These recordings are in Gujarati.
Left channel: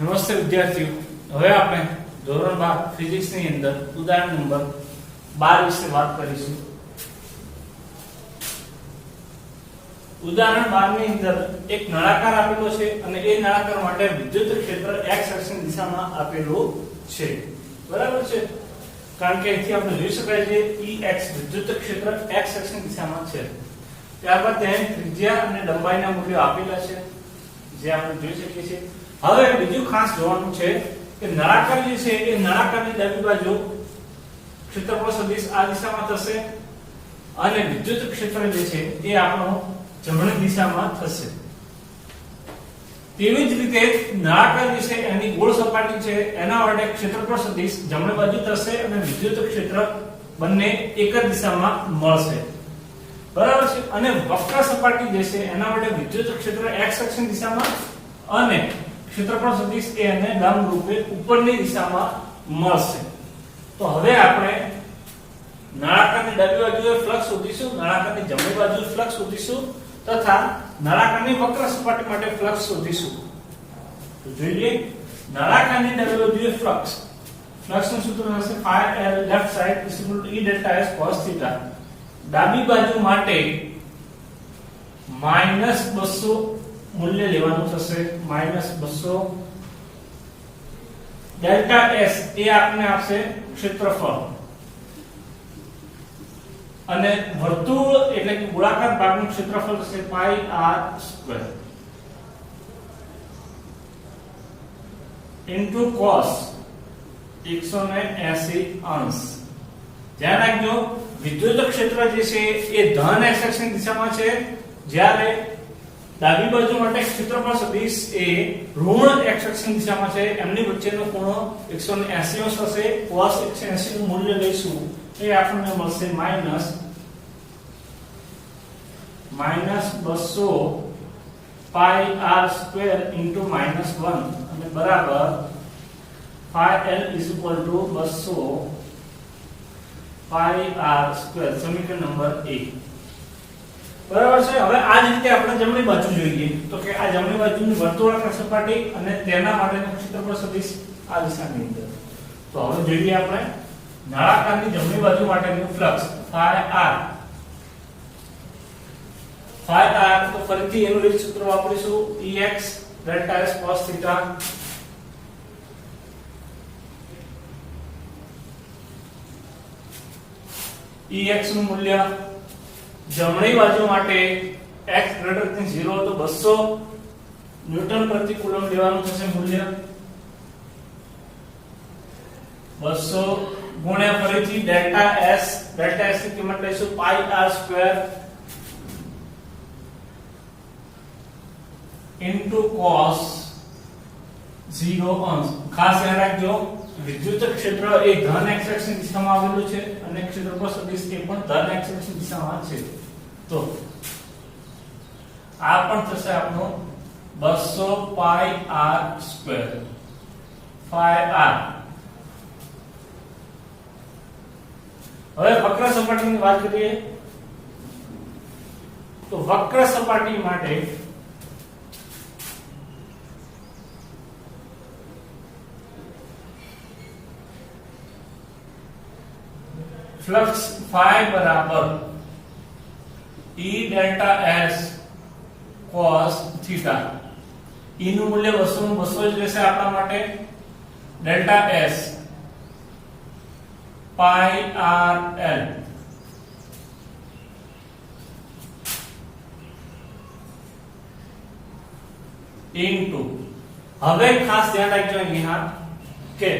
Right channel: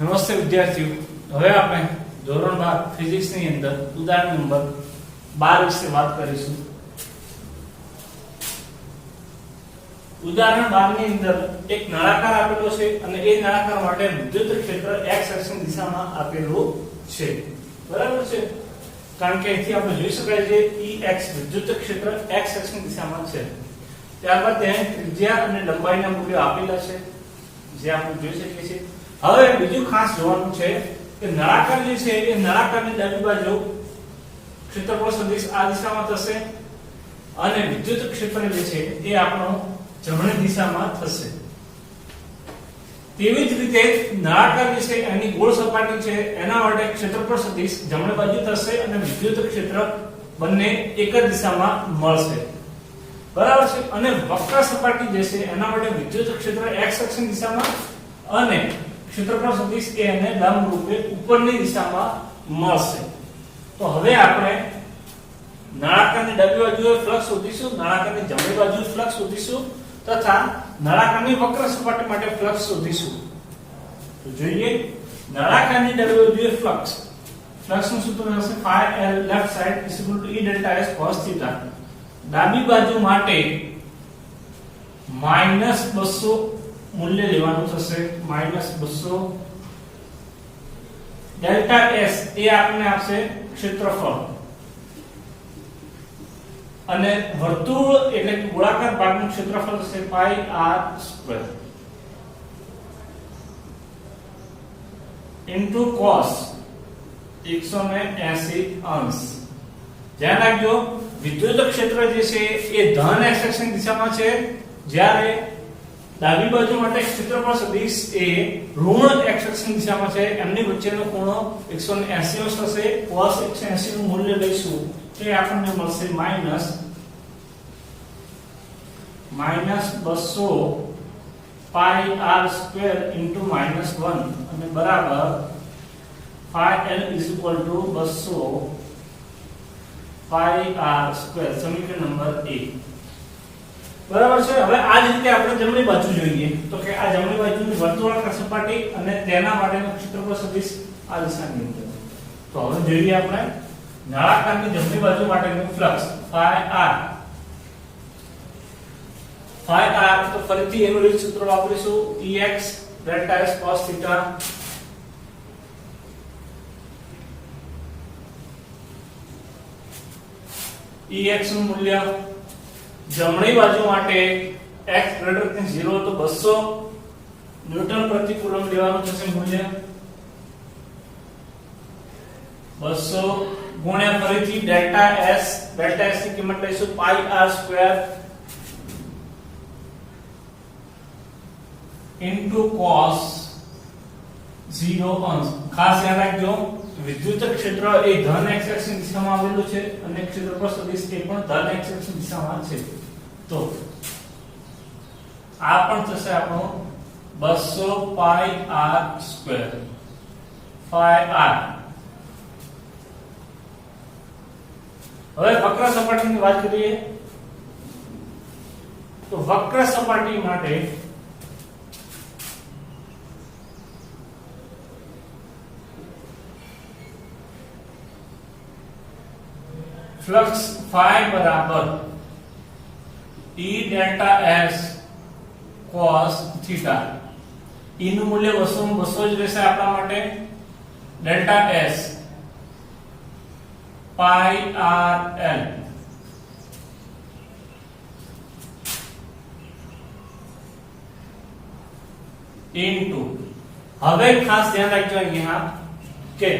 નમસ્તે વિદ્યાર્થીઓ, હવે આપણે ધોરણ 12 ફિઝિક્સ ની અંદર ઉદાહરણ નંબર 12 વિશે વાત કરીશું. ઉદાહરણ 12 ની અંદર એક નળાકાર આપેલો છે અને એ નળાકાર માટે વિદ્યુત ક્ષેત્ર x અક્ષની દિશામાં આપેલું છે. બરાબર છે? કારણ કે અહીંથી આપણે જોઈ શકાય છે Ex વિદ્યુત ક્ષેત્ર x અક્ષની દિશામાં છે. ત્યારબાદ ત્યાં ત્રિજ્યા અને લંબાઈના મૂલ્યો આપેલા છે જે આપણે જોઈ શકીએ છીએ. હવે બીજું ખાસ જોવાનું છે કે નળાકાર જે છે એ નળાકારની ડાબી બાજુ ક્ષેત્રફળ સદિશ આ દિશામાં થશે અને વિદ્યુત ક્ષેત્ર જે છે એ આપણો જમણી દિશામાં થશે. તેવી જ રીતે નળાકાર જે છે એની ગોળ સપાટી છે એના માટે ક્ષેત્રફળ સદિશ જમણી બાજુ થશે અને વિદ્યુત ક્ષેત્ર બંને એક જ દિશામાં મળશે. બરાબર છે? અને વક્ર સપાટી જે છે એના માટે વિદ્યુત ક્ષેત્ર x અક્ષની દિશામાં અને ક્ષેત્રફળ સદિશ એ એને લંબ રૂપે ઉપરની દિશામાં મળશે. તો હવે આપણે નળાકારની ડાબી બાજુએ ફ્લક્સ શોધીશું, નળાકારની જમણી બાજુએ ફ્લક્સ શોધીશું તથા નળાકારની વક્ર સપાટી માટે ફ્લક્સ શોધીશું. તો જોઈએ નળાકારની ડાબી બાજુએ ફ્લક્સનું સૂત્ર હશે phi l left side = E delta s cos theta. ડાબી બાજુ માટે -200 મૂલ્ય લેવાનું થશે. -200 ડેલ્ટા s એ આપણને આપશે ક્ષેત્રફળ અને વર્તુળ એટલે કે ગોળાકાર ભાગનું ક્ષેત્રફળ થશે pi r² ઇન્ટુ cos 180°. ધ્યાન રાખજો વિદ્યુત ક્ષેત્ર જે છે એ ધન x અક્ષની દિશામાં છે, જ્યારે ડાબી બાજુ માટે ક્ષેત્રફળ સદિશ એ ઋણ x અક્ષની દિશામાં છે. એમની વચ્ચેનો ખૂણો 180° થશે. cos 180 નું મૂલ્ય લઈશું તો એ આપણને મળશે -200 pi r² into -1 અને બરાબર phi l = 200 pi r². સમીકરણ નંબર 1. બરાબર છે? હવે આ જ રીતે આપણે જમણી બાજુ જોઈએ તો કે આ જમણી બાજુની વર્તુળાકાર સપાટી અને તેના માટેનું ક્ષેત્રફળ સદિશ આ દિશાની અંદર. તો હવે જોઈએ આપણે નળાકારની જમણી બાજુ માટેનું ફ્લક્સ phi r તો ફરીથી એનું રીત સૂત્ર વાપરીશું Ex delta s cos theta. Ex નું મૂલ્ય જમણી બાજુ માટે x > 0 તો 200 ન્યૂટન પ્રતિ કુલમ લેવાનું થશે. મૂલ્ય 200 ગુણ્યા ફરીથી ડેલ્ટા s ની કિંમત લઈશું pi r² ઇન્ટુ cos 0°. ખાસ ધ્યાન રાખજો વિદ્યુત ક્ષેત્ર એ ધન x અક્ષની દિશામાં આવેલું છે અને ક્ષેત્રફળ સદિશ એ પણ ધન x અક્ષની દિશામાં છે. તો આ પણ થશે આપણો 200 pi r² phi r. હવે વક્ર સપાટીની વાત કરીએ તો વક્ર સપાટી માટે ફ્લક્સ phi બરાબર E delta s cos theta. E નું મૂલ્ય 200 નું 200 જ રહેશે આપણા માટે. Delta s pi r l into. હવે ખાસ ધ્યાન રાખજો અહીંયા કે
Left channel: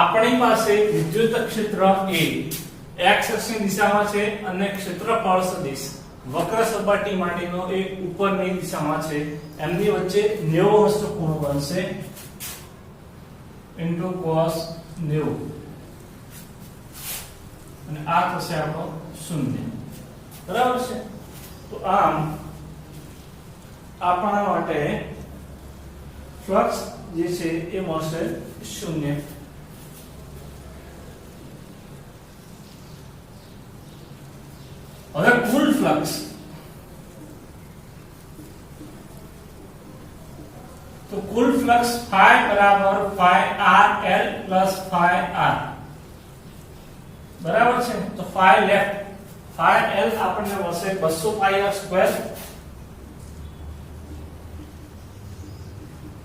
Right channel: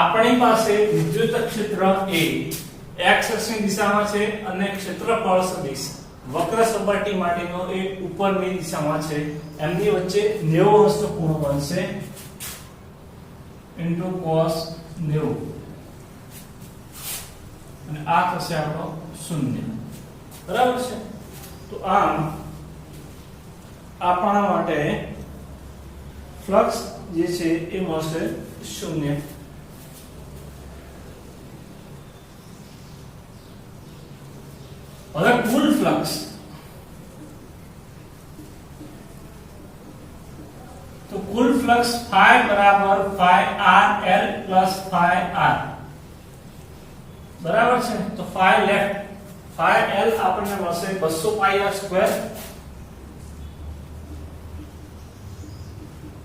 આપણી પાસે વિદ્યુત ક્ષેત્ર એ x અક્ષની દિશામાં છે અને ક્ષેત્રફળ સદિશ વક્ર સપાટી માટેનો એ ઉપરની દિશામાં છે. એમની વચ્ચે 90° નો ખૂણો બનશે ઇન્ટુ cos 90 અને આ થશે આપણો 0. બરાબર છે? તો આમ આપણા માટે ફ્લક્સ જે છે એ મળશે 0. હવે કુલ ફ્લક્સ તો કુલ ફ્લક્સ phi બરાબર phi r l plus phi r બરાબર છે. તો phi લેફ્ટ phi l આપણને મળશે 200 pi r square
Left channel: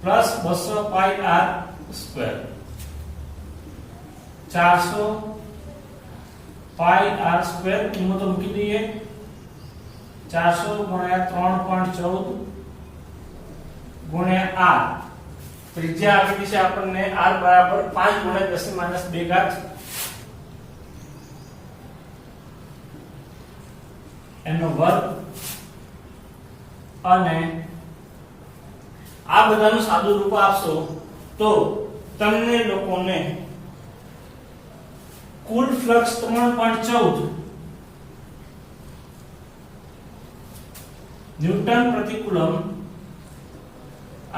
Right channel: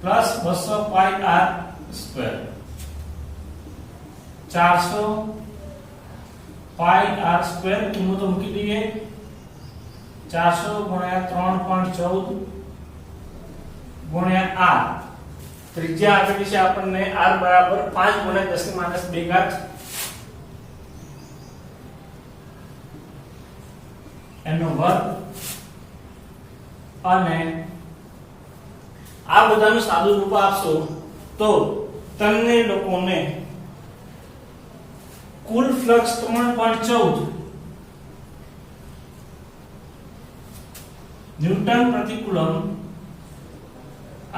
plus 200 pi r square 400 pi r square કિંમતો મૂકી દઈએ. 400 ગુણ્યા 3.14 ગુણ્યા r ત્રિજ્યા આપેલી છે આપણને r બરાબર 5 ગુણ્યા 10 ની માઈનસ 2 ઘાત એનો વર્ગ અને આ બધાનું સાદું રૂપ આપશો તો તમને લોકોને કુલ ફ્લક્સ 3.14 ન્યૂટન પ્રતિ કુલમ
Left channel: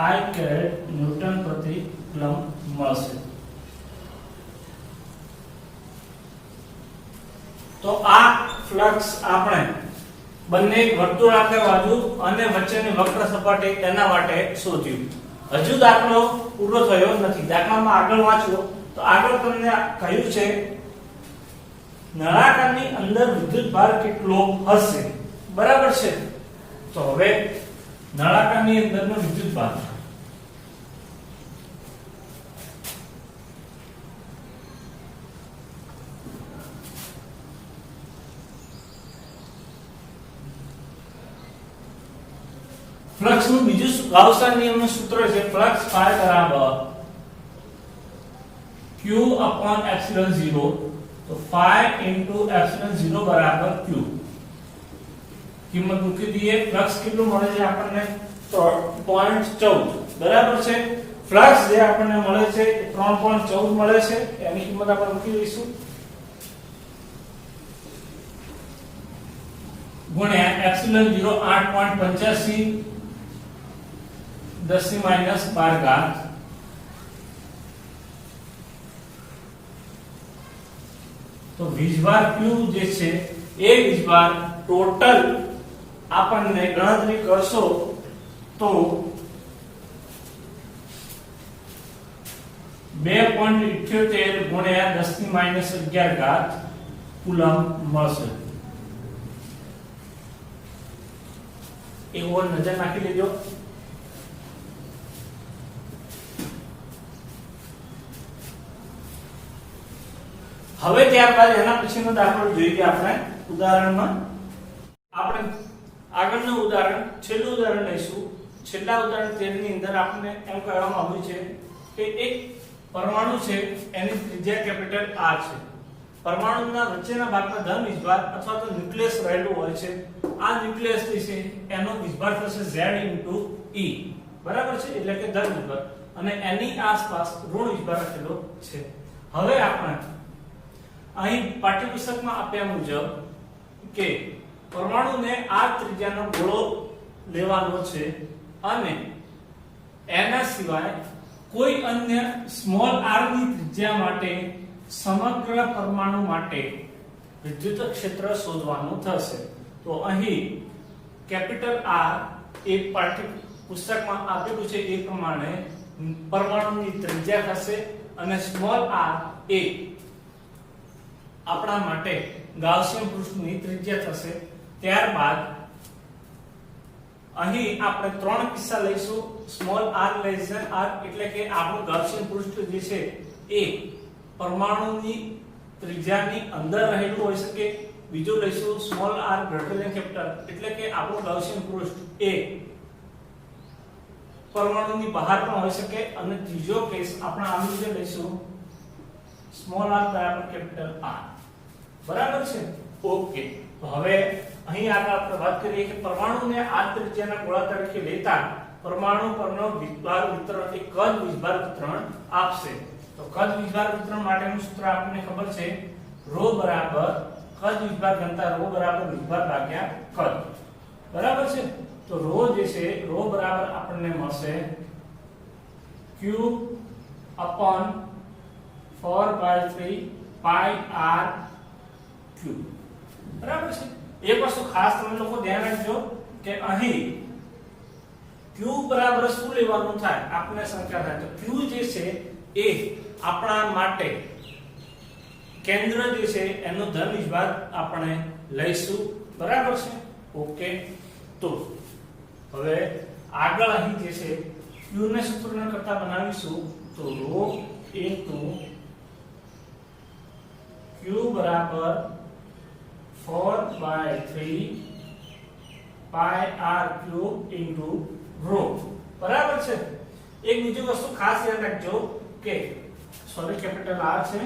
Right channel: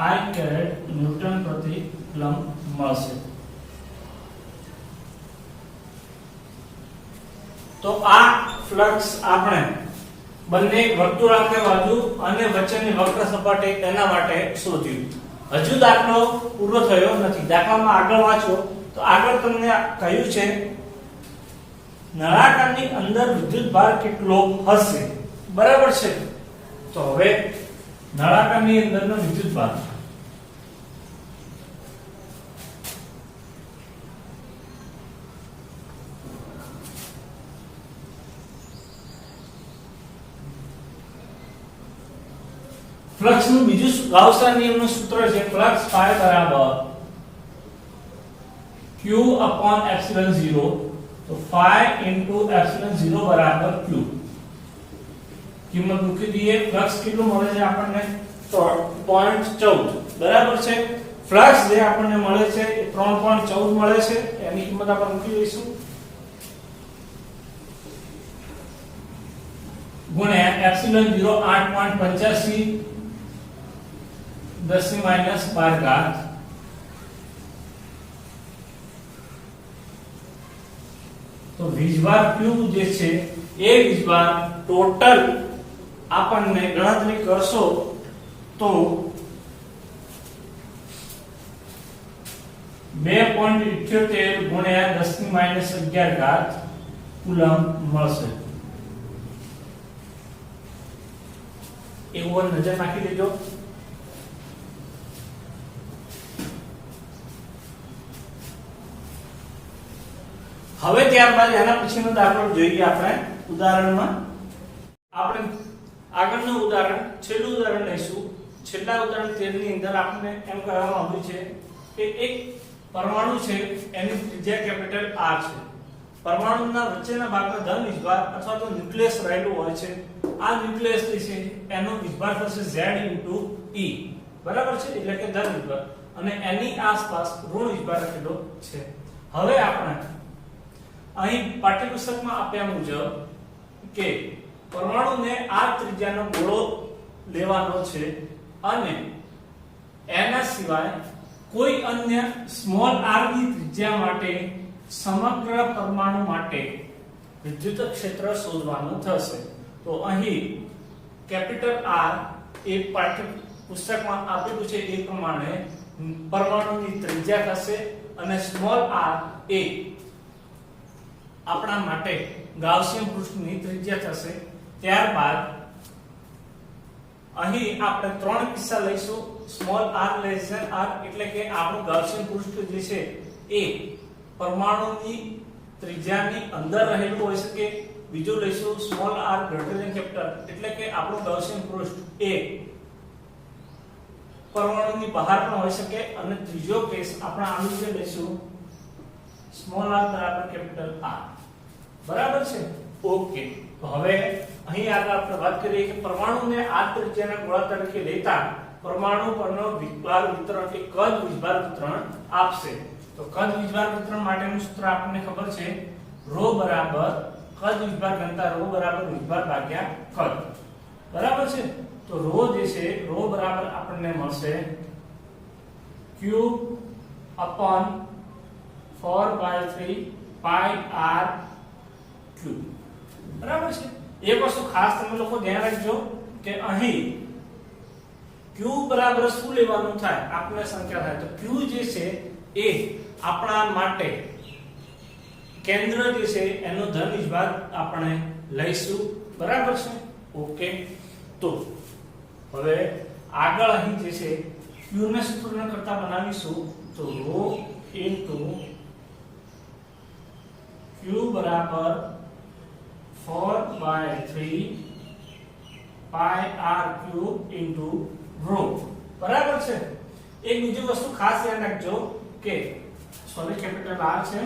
I કેરેટ ન્યૂટન પ્રતિ કુલમ મળશે. તો આ ફ્લક્સ આપણે બંને વર્તુળાકાર બાજુ અને વચ્ચેની વક્ર સપાટી તેના માટે શોધ્યું. હજુ દાખલો પૂરો થયો નથી. દાખલામાં આગળ વાંચો તો આગળ તમને કહ્યું છે નળાકારની અંદર વિદ્યુતભાર કેટલો હશે. બરાબર છે. તો હવે નળાકારની અંદરનો વિદ્યુતભાર ફ્લક્સ નું બીજું ગાઉસના નિયમનું સૂત્ર છે ફ્લક્સ phi બરાબર q upon epsilon 0. તો phi into epsilon 0 બરાબર q. કિંમત મૂકી દઈએ. ફ્લક્સ કેટલું મળે છે આપણને 3.14 બરાબર છે. ફ્લક્સ જે આપણને મળે છે એ 3.14 મળે છે. એની કિંમત આપણે મૂકી દઈશું ગુણ્યા એપ્સિલોન 0 8.85 10 ની માઈનસ 12 ઘાત તો વીજભાર Q જે છે એ વીજભાર ટોટલ આપણને ગણતરી કરશો તો 2.78 ગુણ્યા 10 ની માઈનસ 11 ઘાત કુલમ મળશે. એવું નજર નાખી લેજો. હવે ત્યારબાદ એના પછીનો દાખલો જોઈએ આપણે ઉદાહરણમાં. આપણે આગળનું ઉદાહરણ છેલ્લું ઉદાહરણ લઈશું. છેલ્લા ઉદાહરણ 13 ની અંદર આપણને એમ કહેવામાં આવ્યું છે કે એક પરમાણુ છે એની ત્રિજ્યા કેપિટલ R છે. પરમાણુના વચ્ચેના ભાગમાં ધન વીજભાર અથવા તો ન્યુક્લિયસ રહેલું હોય છે. આ ન્યુક્લિયસ જે છે એનો વીજભાર થશે Z E બરાબર છે. એટલે કે ધન વીજભાર અને એની આસપાસ ઋણ વીજભાર રહેલો છે. હવે આપણે અહીં પાઠ્યપુસ્તકમાં આપ્યા મુજબ કે પરમાણુને આ ત્રિજ્યાનો ગોળો લેવાનો છે અને એના સિવાય કોઈ અન્ય સ્મોલ r ની ત્રિજ્યા માટે સમગ્ર પરમાણુ માટે વિદ્યુત ક્ષેત્ર શોધવાનું થશે. તો અહીં કેપિટલ R એ પાઠ્યપુસ્તકમાં આપેલું છે એ પ્રમાણે પરમાણુની ત્રિજ્યા થશે અને સ્મોલ r એ આપણા માટે ગાઉસિયન પૃષ્ઠની ત્રિજ્યા થશે. ત્યારબાદ અહીં આપણે ત્રણ કિસ્સા લઈશું. Small r less than r એટલે કે આપણું ગાઉસિયન પૃષ્ઠ જે છે એ પરમાણુની ત્રિજ્યાની અંદર રહેલું હોઈ શકે. બીજું લઈશું small r greater than capital એટલે કે આપણું ગાઉસિયન પૃષ્ઠ એ પરમાણુની બહાર પણ હોઈ શકે. અને ત્રીજો કેસ આપણે આનું જે લઈશું સ્મોલ r બરાબર કેપિટલ R. બરાબર છે. ઓકે. તો હવે અહીં આગળ આપણે વાત કરીએ કે પરમાણુને આ ત્રિજ્યાના ગોળા તરીકે લેતા પરમાણુ પરનો વીજભાર વિતરણ કે કદ વીજભાર વિતરણ આપશે. તો કદ વીજભાર વિતરણ માટેનું સૂત્ર આપણને ખબર છે ρ બરાબર કદ વીજભાર ઘનતા ρ બરાબર વીજભાર ભાગ્યા કદ. બરાબર છે. તો ρ જે છે ρ બરાબર આપણને મળશે Q upon 4/3 pi r cube. બરાબર છે. એક વસ્તુ ખાસ તમે લોકો ધ્યાન રાખજો કે અહીં q બરાબર શું લેવાનું થાય આપણે શંકા થાય તો q જે છે એ આપણા માટે કેન્દ્ર જે છે એનો ધન વિભાગ આપણે લઈશું બરાબર છે ઓકે તો હવે આગળ અહીં જે છે q ને સૂત્રને કરતા બનાવીશું તો ρ ઇન્ટુ q બરાબર 4/3 pi r cube into rho બરાબર છે એક બીજી વસ્તુ ખાસ ધ્યાન રાખજો કે સોરી કેપિટલ R છે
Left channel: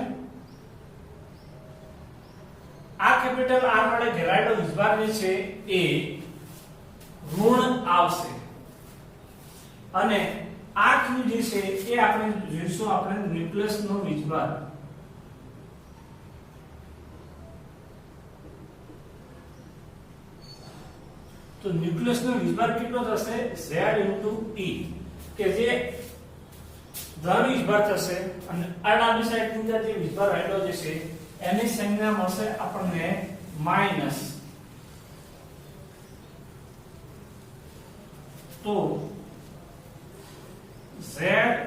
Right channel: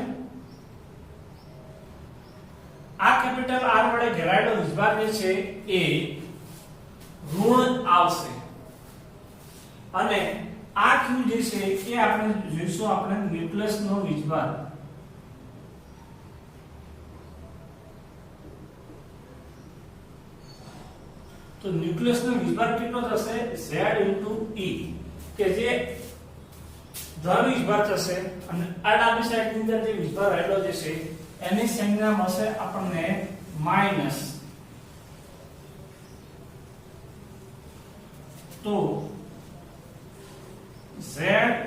આ કેપિટલ R વડે ઘેરાયેલો વિભાગ જે છે એ ઋણ આવશે અને આ q જે છે એ આપણે જોઈશું આપણે ન્યુક્લિયસ નો વિભાગ તો ન્યુક્લિયસ નો વિભાગ કેટલો થશે z * e કે જે ધન વિભાગ થશે અને આ ડાબી સાઈડ ની અંદર જે વિભાગ રહેલો જે છે એની સંજ્ઞા મળશે આપણને માઈનસ તો z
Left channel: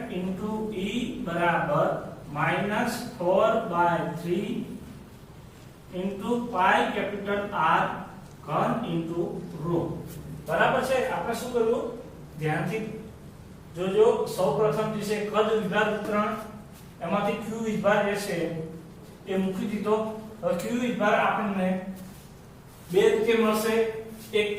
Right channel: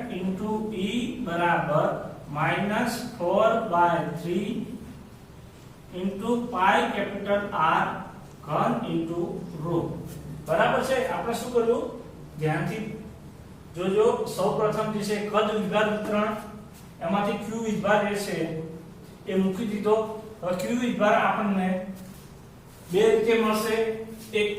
* e બરાબર -4/3 pi કેપિટલ R ઘન ઇન્ટુ રો બરાબર છે આપણે શું કર્યું ધ્યાનથી જોજો સૌપ્રથમ જે છે કદ વિભાગ વિતરણ એમાંથી q વિભાગ જે છે એ મૂકી દીધો હવે q વિભાગ આપણને બે રીતે મળશે એક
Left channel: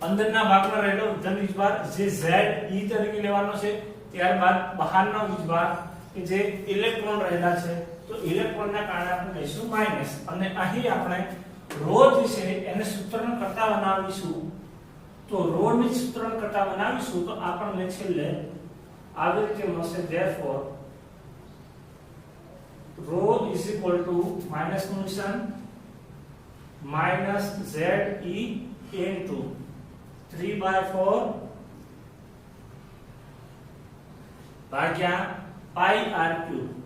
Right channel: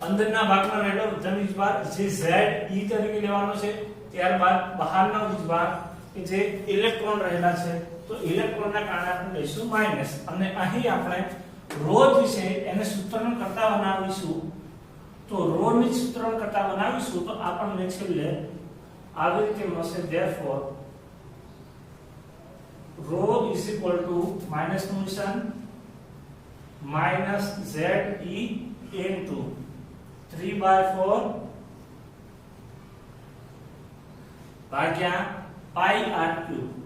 અંદરના ભાગમાં રહેલો ધન વિભાગ જે z e તરીકે લેવાનો છે ત્યારબાદ બહારનો વિભાગ કે જે ઇલેક્ટ્રોન રહેલા છે તો ઇલેક્ટ્રોનના કારણે આપણે લઈશું માઈનસ અને અહીં આપણે રો જે છે એને સૂત્રણ કરતા બનાવીશું તો રો ની સૂત્રણ કરતા બનાવીશું તો આપણને છેલ્લે આવી રીતે મળશે therefore rho is equal to minus function minus ze into 3/4 ભાગ્યા pi r cube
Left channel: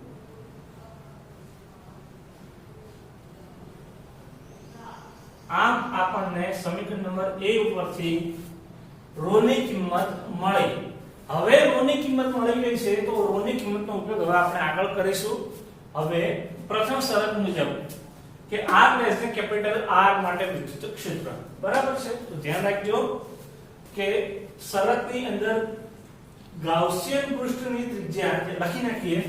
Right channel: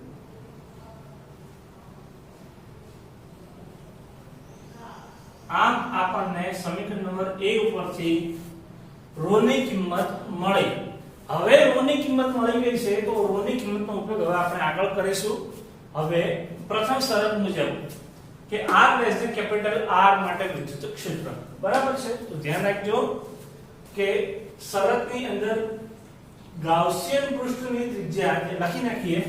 આમ આપણને સમીકરણ નંબર A ઉપરથી રો ની કિંમત મળી હવે રો ની કિંમત મળી ગઈ છે તો રો ની કિંમતનો ઉપયોગ હવે આપણે આગળ કરીશું હવે પ્રથમ શરત મુજબ કે r less than capital R માટે વિદ્યુત ક્ષેત્ર બરાબર છે તો ધ્યાન રાખજો કે શરતની અંદર ગાઉસિયન પૃષ્ઠની ત્રિજ્યા જે લખી નાખીએ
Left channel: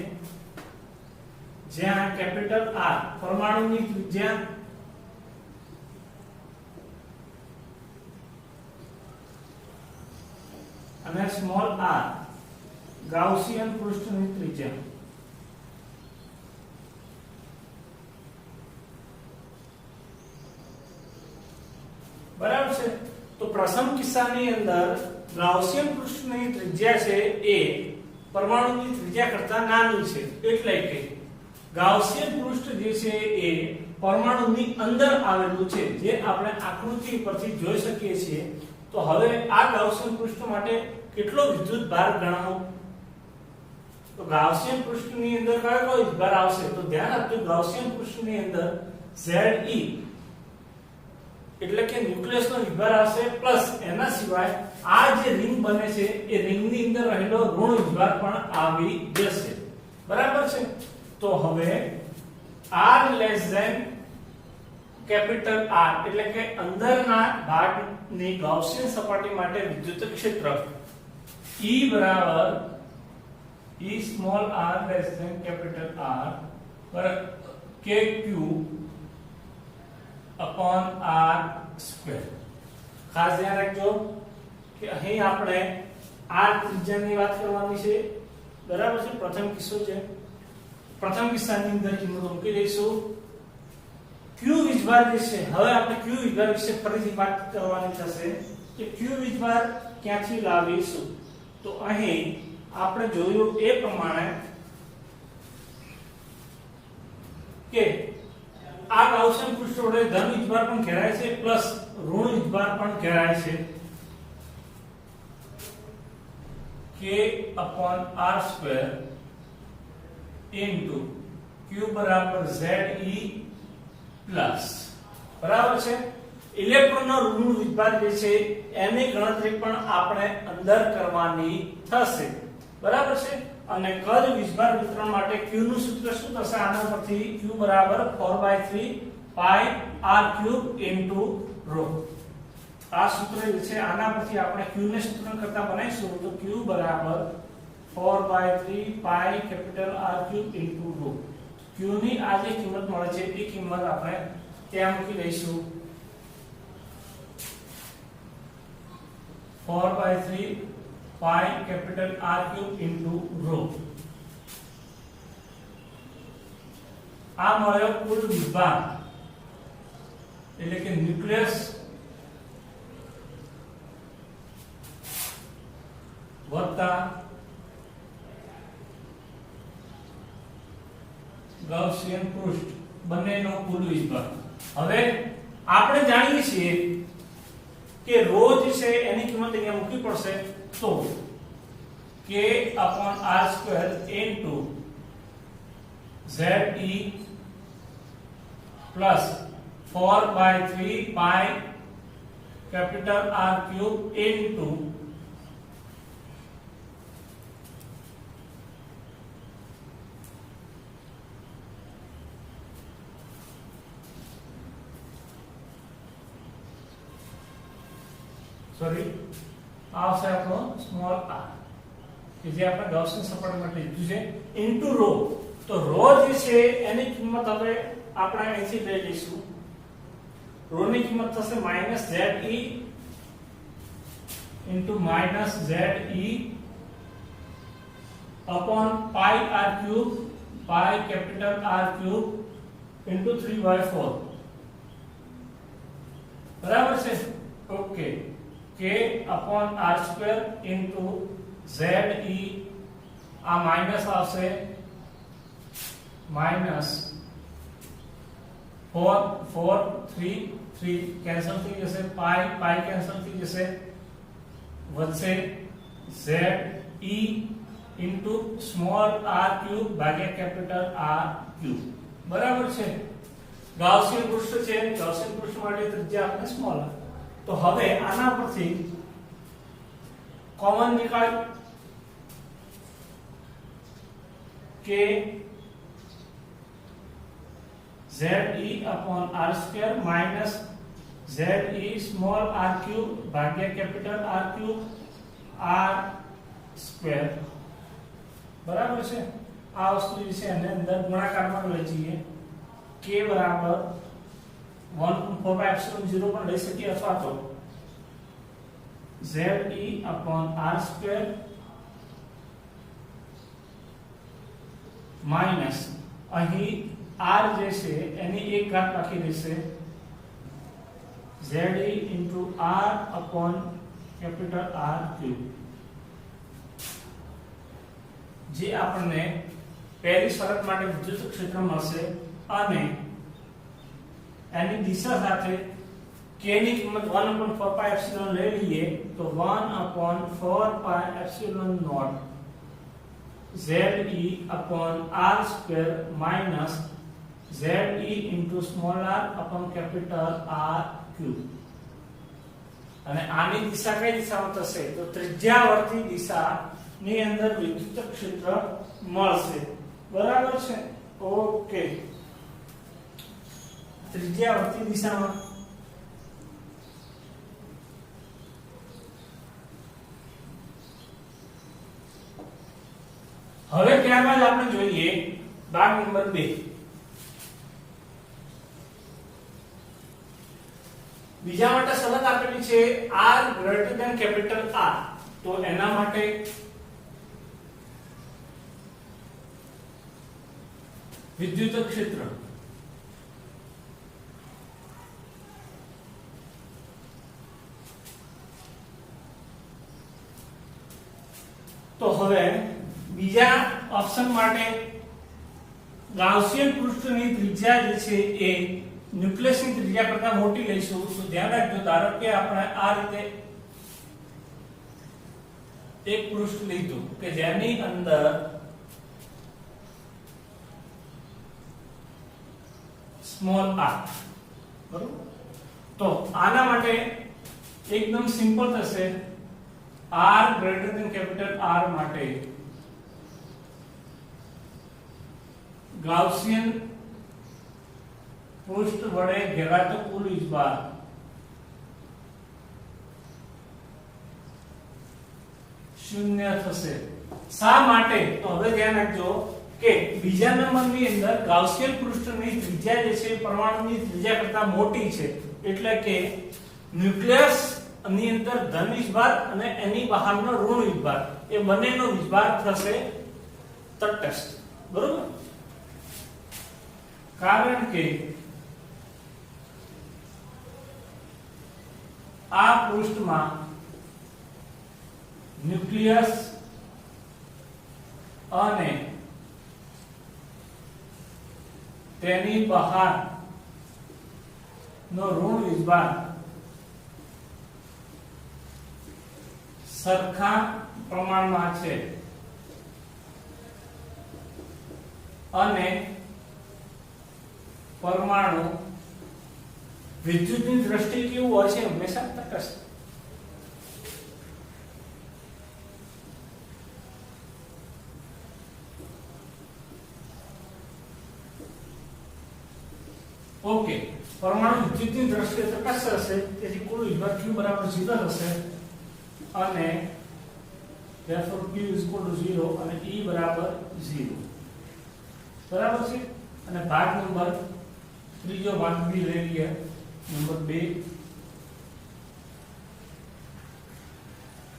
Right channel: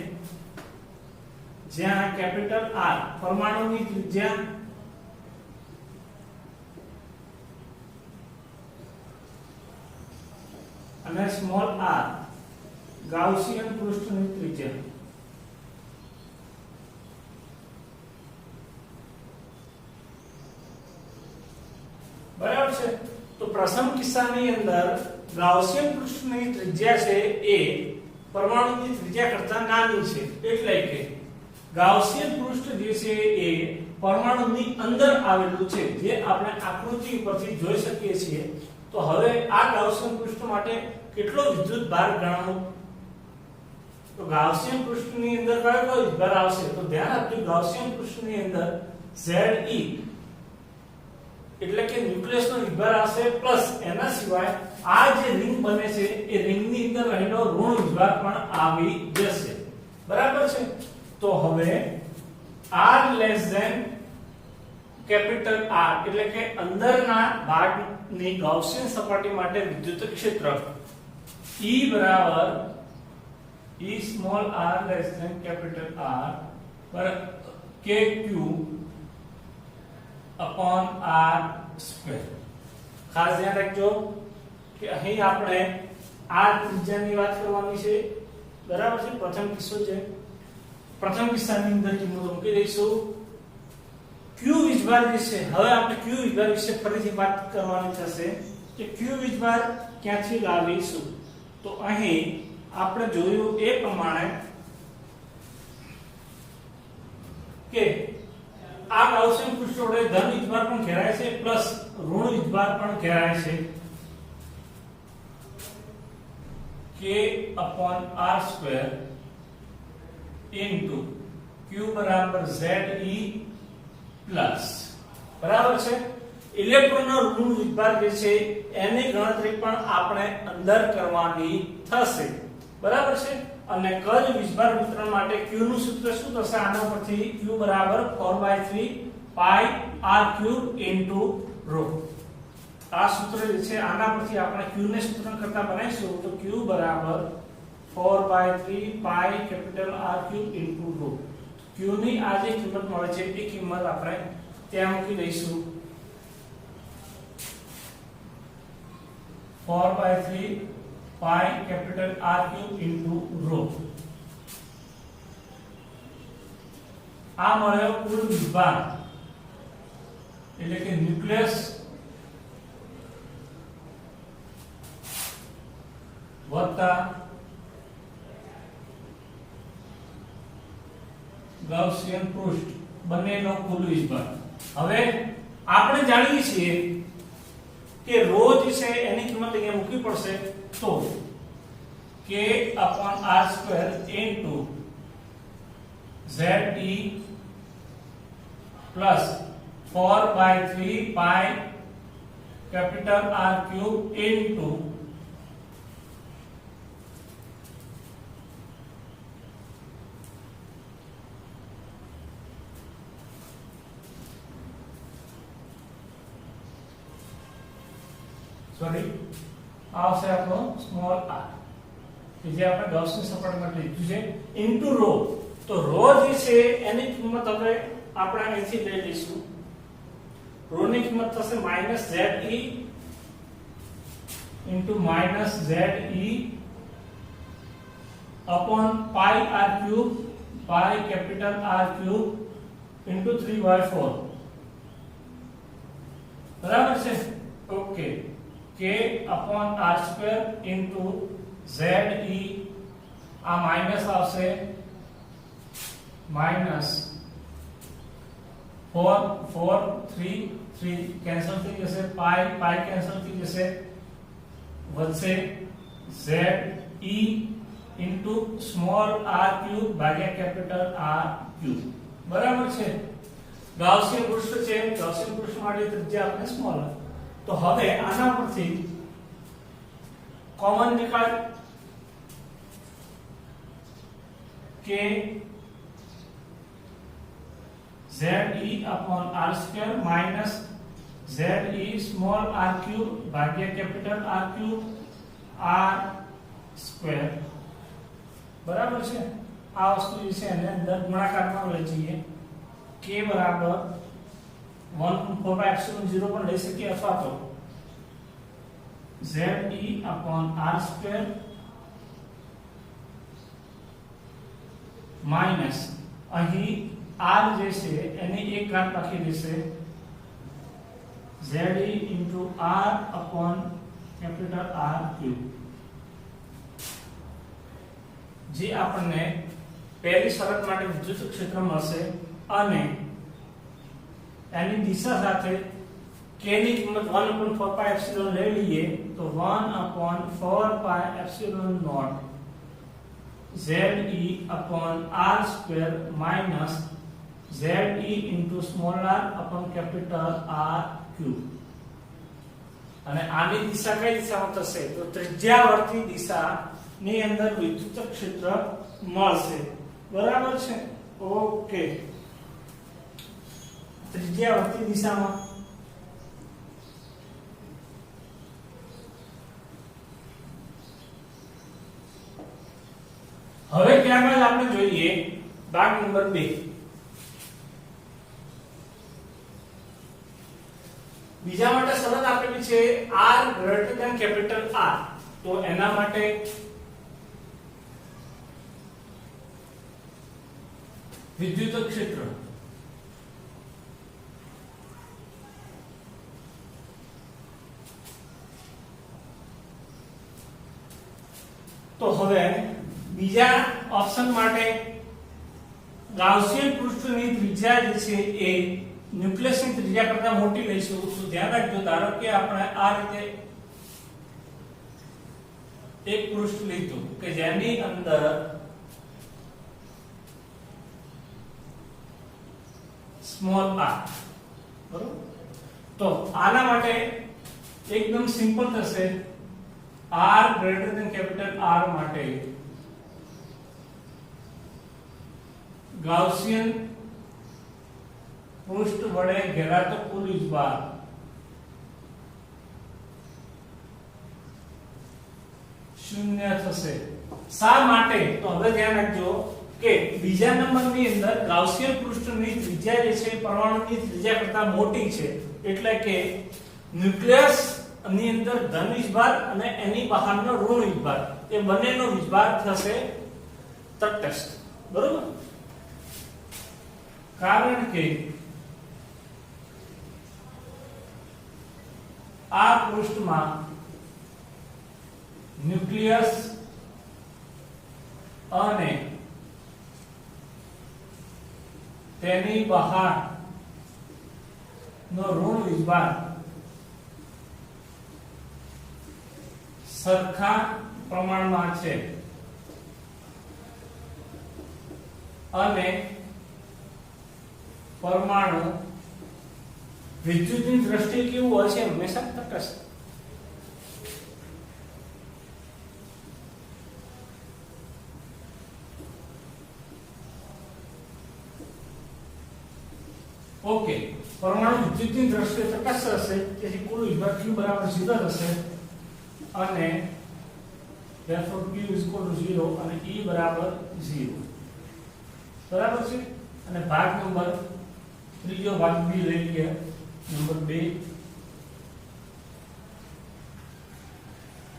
જ્યાં કેપિટલ R પરમાણુની ત્રિજ્યા અને સ્મોલ r ગાઉસિયન પૃષ્ઠની ત્રિજ્યા બરાબર છે તો પ્રથમ કિસ્સાની અંદર ગાઉસિયન પૃષ્ઠની ત્રિજ્યા છે એ પરમાણુની ત્રિજ્યા કરતા નાની છે એટલે કે ગાઉસિયન પૃષ્ઠ જે છે એ પરમાણુની અંદર આવેલું છે જે આપણે આકૃતિ પરથી જોઈ શકીએ છીએ તો હવે આ ગાઉસિયન પૃષ્ઠ માટે કેટલો વિદ્યુત ભાર ગણાવો તો ગાઉસિયન પૃષ્ઠની અંદર કયો વિદ્યુત ભાર આવશે તો ધ્યાન આપજો ગાઉસિયન પૃષ્ઠની અંદર Ze એટલે કે ન્યુક્લિયસ નો વિભાર આવશે પ્લસ એના સિવાય આ જે રિંગ બને છે એ રિંગ ની અંદર રહેલો ઋણ વિભાર પણ આવી જશે બરાબર છે તો હવે r less than capital R એટલે કે અંદરના ભાગની ગાઉસિયન સપાટી માટે વિદ્યુત ક્ષેત્ર E બરાબર E small r less than capital R પર kq upon r સ્ક્વેર ખાસ ધ્યાન રાખજો કે અહીં આપણે r ત્રિજ્યાની વાત કરવાની છે બરાબર છે પ્રથમ કિસ્સો છે પ્રથમ કિસ્સાની અંદર કિંમત મૂકી દઈશું q વીજભાર જે છે હવે આપણે q વીજભાર વિશે ફરીથી વાત કરવાની થશે કે q વીજભાર ક્યાંથી લાવીશું તો અહીં આપણે જોયું એ પ્રમાણે કે આ ગાઉસિયન પૃષ્ઠ વડે ધન વીજભાર પણ ઘેરાય છે પ્લસ ઋણ વીજભાર પણ ઘેરાય છે k upon r square into q બરાબર ze પ્લસ બરાબર છે ઇલેક્ટ્રોનનો ઋણ વિજભાર જે છે એની ગણતરી પણ આપણે અંદર કરવાની થશે, બરાબર છે। અને કદ વિજભાર વિતરણ માટે q નું સૂત્ર શું થશે? આના પરથી q બરાબર 4/3 પાઈ r³ * ρ। આ સૂત્ર જે છે આના પરથી આપણે q ને સૂત્ર કરતા બનાવીશું તો q બરાબર 4/3 પાઈ R³ * ρ। q ની આ જે કિંમત મળે છે એ કિંમત આપણે ત્યાં મૂકી દઈશું 4/3 પાઈ R³ * ρ। આ મળ્યો કુલ વિભાગ એટલે કે ન્યુક્લિયસ વત્તા ગાઉસિયન પૃષ્ઠ બંનેનો કુલ વિભાગ। હવે આપણે જાણીએ છીએ કે ρ જે છે એની કિંમત અહીંયા મૂકવી પડશે તો k/r² ZE plus 4/3 pi R³ into આવશે આપણો સ્મોલ r કે જે આપણે ગૌસની સપાટી માટે લીધું છે ઇન્ટુ ρ। તો ρ જે છે એની કિંમત હવે આપણે અહીંથી લઈ લઈશું। ρ ની કિંમત થશે -ZE into -ZE upon pi R³ pi R³ into 3/4 બરાબર છે। ઓકે k/r² into ZE આ માઈનસ આવશે -4 4 3 3 કેન્સલ થઈ જશે પાઈ પાઈ કેન્સલ થઈ જશે વધશે ZE into સ્મોલ r³ ભાગ્યા કેપિટલ R³ બરાબર છે। ગાઉસિયન પૃષ્ઠ છે ગાઉસિયન પૃષ્ઠ માટે ત્રિજ્યા આપણે સ્મોલ r। તો હવે આના પરથી કોમન નીકાળ કે ZE upon r² minus ZE small r³ ભાગ્યા કેપિટલ R³ r² બરાબર છે। આ વસ્તુ જે છે એને અંદર ગુણાકારમાં લઈ જઈએ k બરાબર 1/4/0 પણ લઈ શકીએ અથવા તો ZE upon r² માઈનસ અહીં r જે છે એની એક ઘાત લખી દેશે ZE into r upon capital R³ જે આપણને પહેલી શરત માટે વિદ્યુત ક્ષેત્ર મળશે અને એની દિશા સાથે k ની કિંમત 1/4π લઈ લઈએ તો 1/4π0 ZE upon r² minus ZE into small r upon capital R³ અને આની દિશા કઈ દિશામાં થશે તો ત્રિજ્યાવર્તી દિશાની અંદર વિદ્યુત ક્ષેત્ર મળશે બરાબર છે। ઓકે ત્રિજ્યાવર્તી દિશામાં હવે ત્યારબાદ આપણે જોઈએ ભાગ નંબર 2। બીજા માટે શરત આપેલી છે r greater than capital R તો એના માટે વિદ્યુત ક્ષેત્ર તો હવે બીજા ઓપ્શન માટે ગાઉસિયન પૃષ્ઠની ત્રિજ્યા જે છે એ ન્યુક્લિયસની ત્રિજ્યા કરતા મોટી લઈશું તો ધ્યાન રાખજો ધારો કે આપણે આ રીતે એક પૃષ્ઠ લીધું કે જેની અંદર સ્મોલ r બરોબર તો આના માટે એકદમ સિમ્પલ થશે r greater than capital R માટે ગાઉસિયન પૃષ્ઠ વડે ઘેરાતો કુલ વીજભાર શૂન્ય થશે. શા માટે? તો હવે ધ્યાન રાખજો કે બીજા નંબરની અંદર ગાઉસિયન પૃષ્ઠની ત્રિજ્યા જે છે પરમાણુની ત્રિજ્યા કરતા મોટી છે, એટલે કે ન્યુક્લિયસ ની અંદર ધન વીજભાર અને એની બહારનો ઋણ વીજભાર એ બંનેનો વીજભાર થશે તટસ્થ. બરોબર? કારણ કે આ પૃષ્ઠમાં ન્યુક્લિયસ અને તેની બહાર નો ઋણ વીજભાર સરખા પ્રમાણમાં છે અને પરમાણુ વિદ્યુતની દ્રષ્ટિએ કેવું હોય છે? હંમેશા તટસ્થ. ઓકે, પરમાણુ વિદ્યુતની દ્રષ્ટિએ તટસ્થ હશે, તેથી કુલ વીજભાર Q બરાબર 0 થશે અને therefore Q is equal to 0 અને E બરાબર 0. બરાબર છે? અને ભાગ નંબર ત્રીજો ભાગ બી લઈ લઈએ. નંબર 2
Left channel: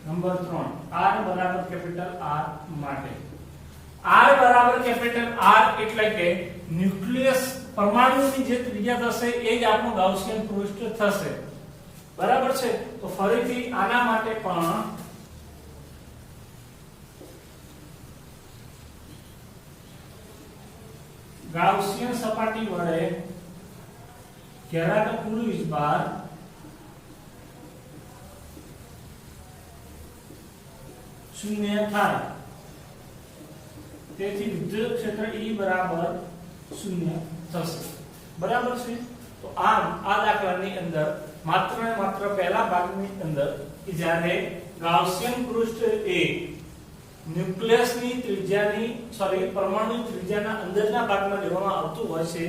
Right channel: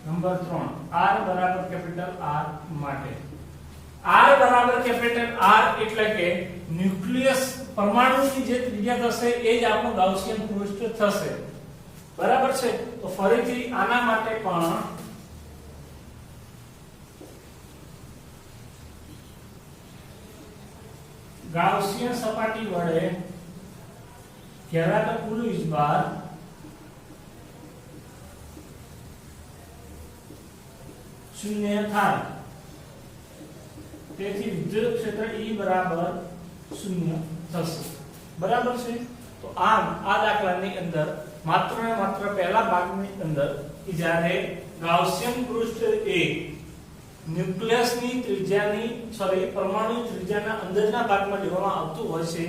નંબર 3 R બરાબર કેપિટલ R માટે R બરાબર કેપિટલ R એટલે કે ન્યુક્લિયસ પરમાણુની જે ત્રિજ્યા થશે એ જ આપણું ગાઉસિયન પૃષ્ઠ થશે. બરાબર છે? તો ફરીથી આના માટે પણ ગાઉસિયન સપાટી વડે ઘેરાતો કુલ વીજભાર શૂન્ય થાય, તેથી વિદ્યુત ક્ષેત્ર E બરાબર 0 થશે. બરાબર છે? તો આમ આ દાખલાની અંદર માત્ર ને માત્ર પહેલા ભાગની અંદર કે જ્યારે ગાઉસિયન પૃષ્ઠ એ ન્યુક્લિયસની ત્રિજ્યાની પરમાણુની ત્રિજ્યાના અંદરના ભાગમાં લેવામાં આવતું હોય છે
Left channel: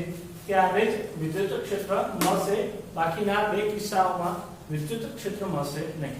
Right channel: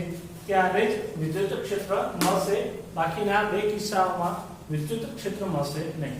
ત્યારે જ વિદ્યુત ક્ષેત્ર મળશે. બાકીના બે કિસ્સાઓમાં વિદ્યુત ક્ષેત્ર મળશે નહીં.